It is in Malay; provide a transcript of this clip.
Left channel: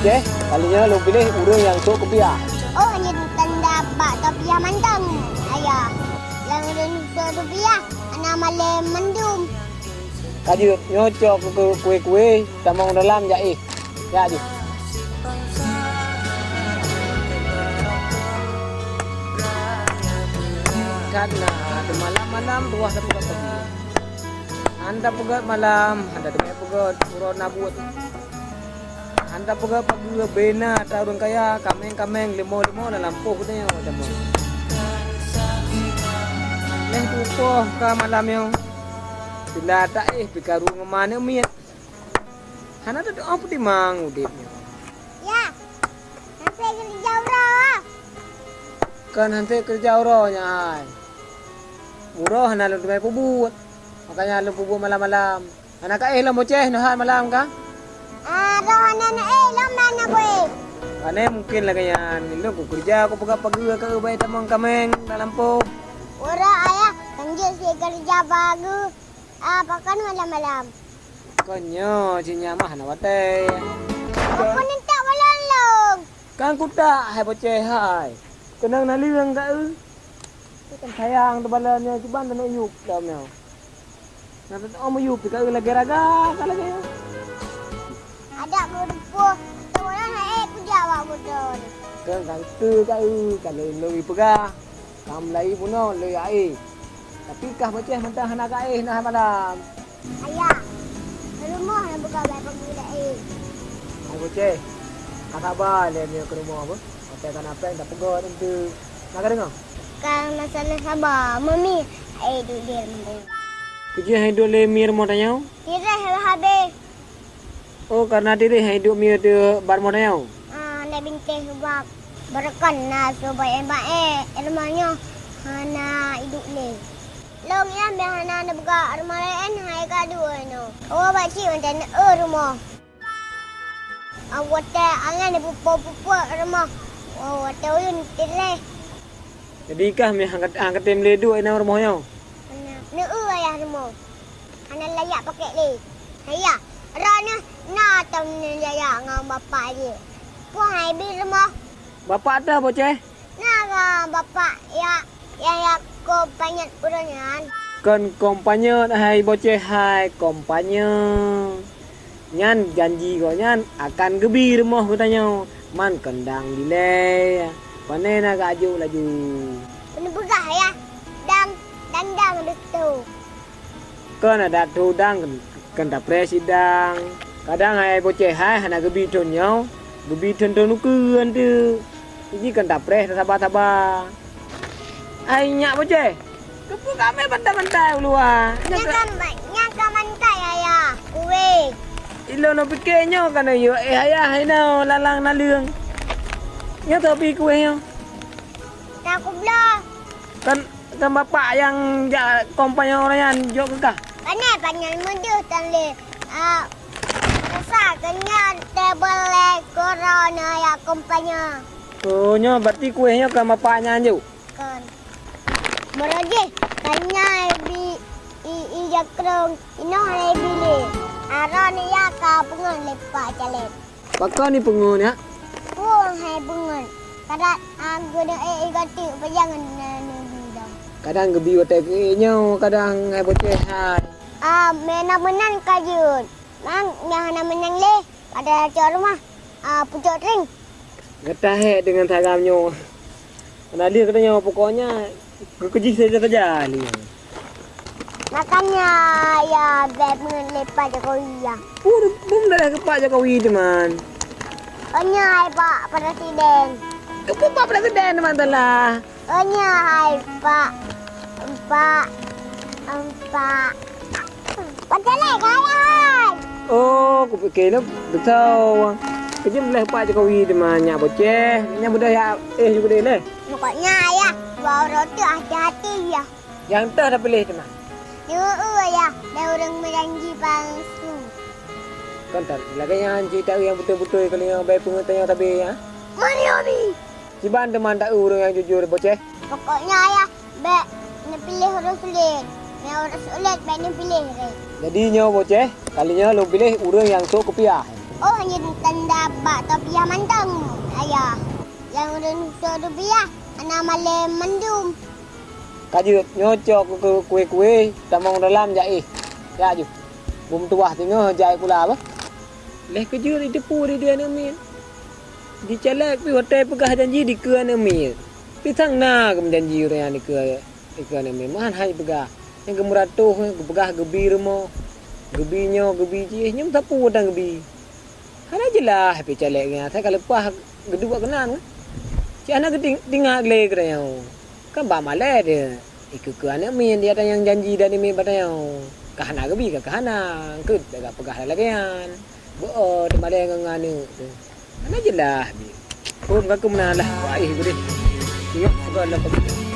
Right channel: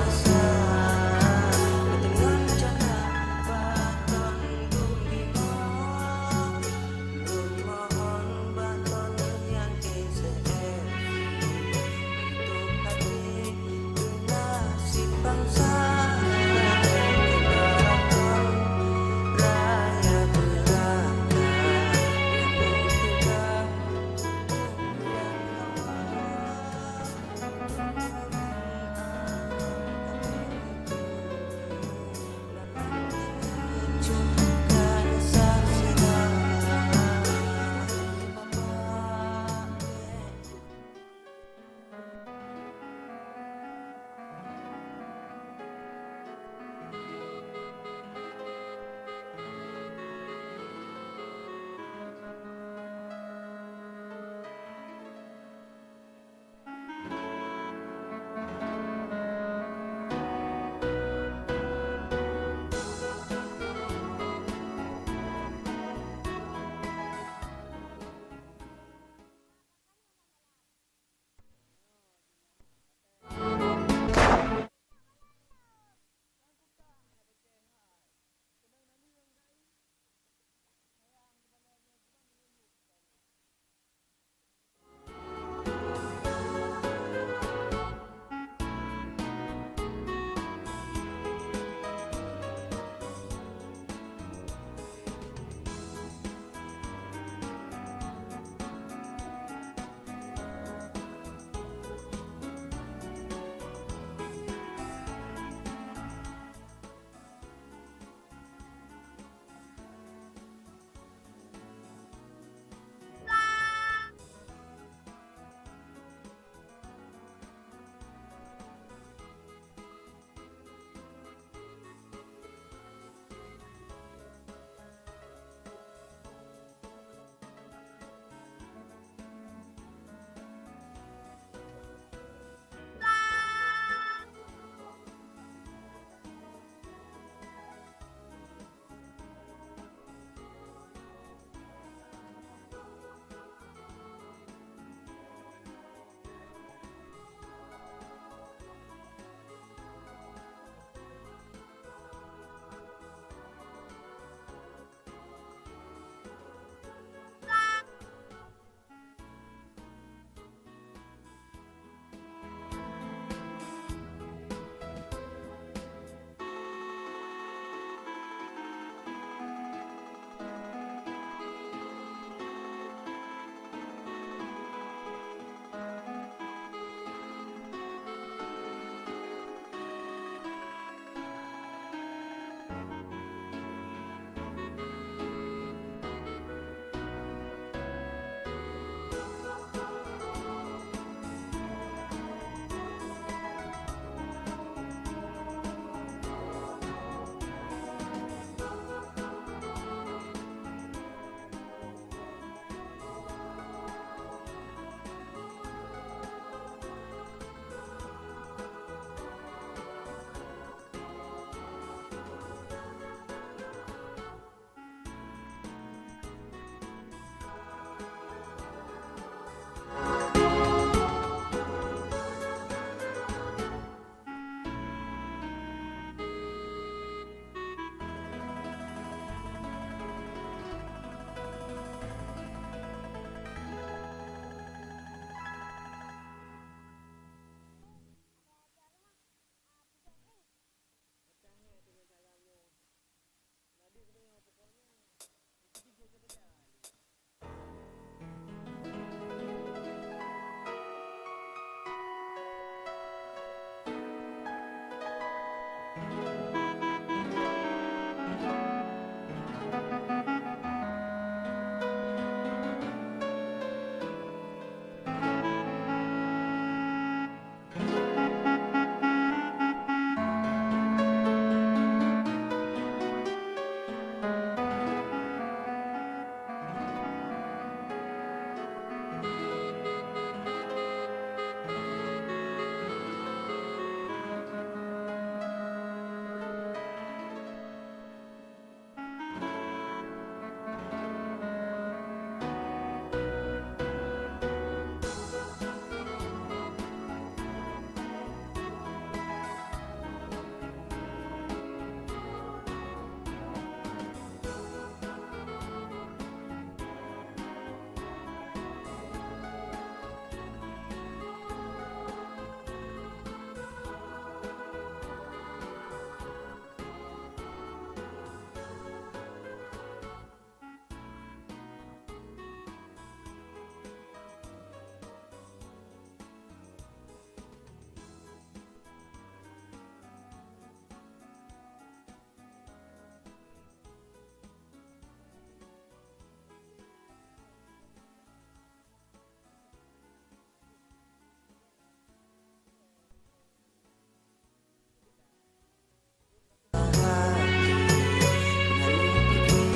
bocah. Kalinya lu pilih urang yang sok kopiah. Oh, hanya tanda Pak Topia mandam. Ayah, yang Topia, anak malam mendum. Kaju nyocok ke kue-kue sama dalam jaih. Ya je. Malam-malam luas malam. Anda pegat malam, anda dengar pegat suruh nabut. Anda pegat pagi bena tarung kaya kameng-kameng limo-limo dalam poh punya yang poh ke malam yang bila tak pikaru ngemana miat. Hana tu apa di mang udip. Ya, nanti kerja orang. Kan nanti kerja orangnya ai. Murah hana lu mai pubut. Makanya lu pubut malam-malam. Hana ka lah bocah nahan malam ka? Rohana na lam na boy. Ane mungkin lah kaya lu kerja aku pegang pagi ke baik tamang kameng dalam poh. Ora ayah, lanjut si kerja bagus. Pakan malam-malam. Konyo cinya mah na wate. Aku nanti malam. Kan ku tak hai bocah hai. Kenang naliang ka kan sayang tu balanya cuban tu nak yup dah meo. Nak tu om yup ka lagi raga kalau Ada murupu. Orang nak kerja awak betul. kan tu kai kalau lebih pegah. Kam lai puno le ai. Tapi kah bocah mentah nak kai nah malam. Ayah, rumah nak buka baik pemuda Hai bocah. Nak khabar le ni ke rumah apa? Hotel kan apa dah pegot tu. Nak dengar? Kan masalah sabar. Mami, duduk dia mandi. Kerja hidup le mir mo tanya. Tidak habis. Oh karena diri hidup mir tu bar mo tanya. Nak bintang sebab berkan na supaya rumahnya hana hidup le. Long yang hana nak buka rumah lain hai ka dua no. Oh baci macam rumah. Awak tak angan pupu rumah. Oh tahu yun tile. Jadi kah mi angkat tem le dua ina rumahnya. Ni ayah rumah. Hana layak pakai le. Saya rana na tam ni layak ngau bapa dia. Puan hai bil rumah. Bapak dah bocah. Nah, bapak ya ko banyak urangan. Kan kompanya hai bocah hai kompanya. Nyan janji ko nyan akan gebi rumah katanya. Man kendang dile. Pane nak aju laju. Kena pegah ya. Dang tu. Kan ada tu dang kan tak presiden. Kadang hai bocah hai hana gebi tonyo. Gebi tonton nukuan tu. Ini kan tak pres sabar-sabar. Ai nyak bocah. Kepu kami bantai-bantai luar. Nyaka mantai ya. Kue. Ilo no pikirnya kan yo ayah ino lalang naliang. Ya tapi kue yo. Tak kublah. Kan bapak yang kompanya orang yang jok kah? Panai muda tali. Besar kenyang table corona ya kompanya. Oh nyo berarti kuenya kan bapaknya anju. Kan. Meraje tanya i jakrong ino hai bili. Aron ya ka bunga lepak jalan. Bakal ni pengun ya. Buang hai bunga. Kada guna ganti bayangan Kadang gebi hotel kuenya, kadang ai bocah hai. Mena menang kajun. Mang nyahana menang le pada cor rumah. Pucuk ring. Getah dengan tagamnya. Karena dia katanya pokoknya kekeji saja ni. Makanya ya bangun lepas Jokowi ya. Belum dah ke Pak Jokowi teman. Onya hai Pak Presiden. Ke Pak Presiden teman telah. Onya hai Pak. Pacalai kaya hai. Oh, aku fikir nak betul. Kerja boleh Pak Jokowi teman nya bocah. Nya budaya budaya le. Pokoknya ya, bawa roti hati-hati ya. Yang tak dah pilih teman. Ya, dah orang merangi palsu. Kan tak. Lagi yang cerita yang betul-betul kalau yang baik pengertian tapi ya. Mari Abi. Ciban teman tak orang yang jujur bocah. Pokoknya ya, nak pilih orang sulit. Nak orang sulit, nak pilih. Jadi nyo bocah, kalinya lo pilih orang yang sok kopiah. Oh, hanya tanda bak tapi yang mantang. Ayah. Yang rupiah, anak malam mendum. Kaju nyocok ke kue-kue tamang dalam jai. Ya ju. Bum tuah tengah jai pula apa? Leh kerja di depu dia ni. Di calak pi hotel pegah janji di ke ni. Pi sang na ke janji orang di ke ni. Man hai pegah. Yang gemuratuh pegah gebi remo. Gebinyo gebi ji nyum sapu dang gebi. Hana jelah pi calak nya. Saya kalau pah gedua kenan. Si anak tinggal le kerana. Kan ba malai dia. Ikut ke anak min dia ada yang janji dan ini batang. Kahana gebi ke kahana. Ke dah pegah lagi kan. Bo de malai nganu. Ana jelah bi. Pun ka kumna lah. Ai boleh. Tengok sekolah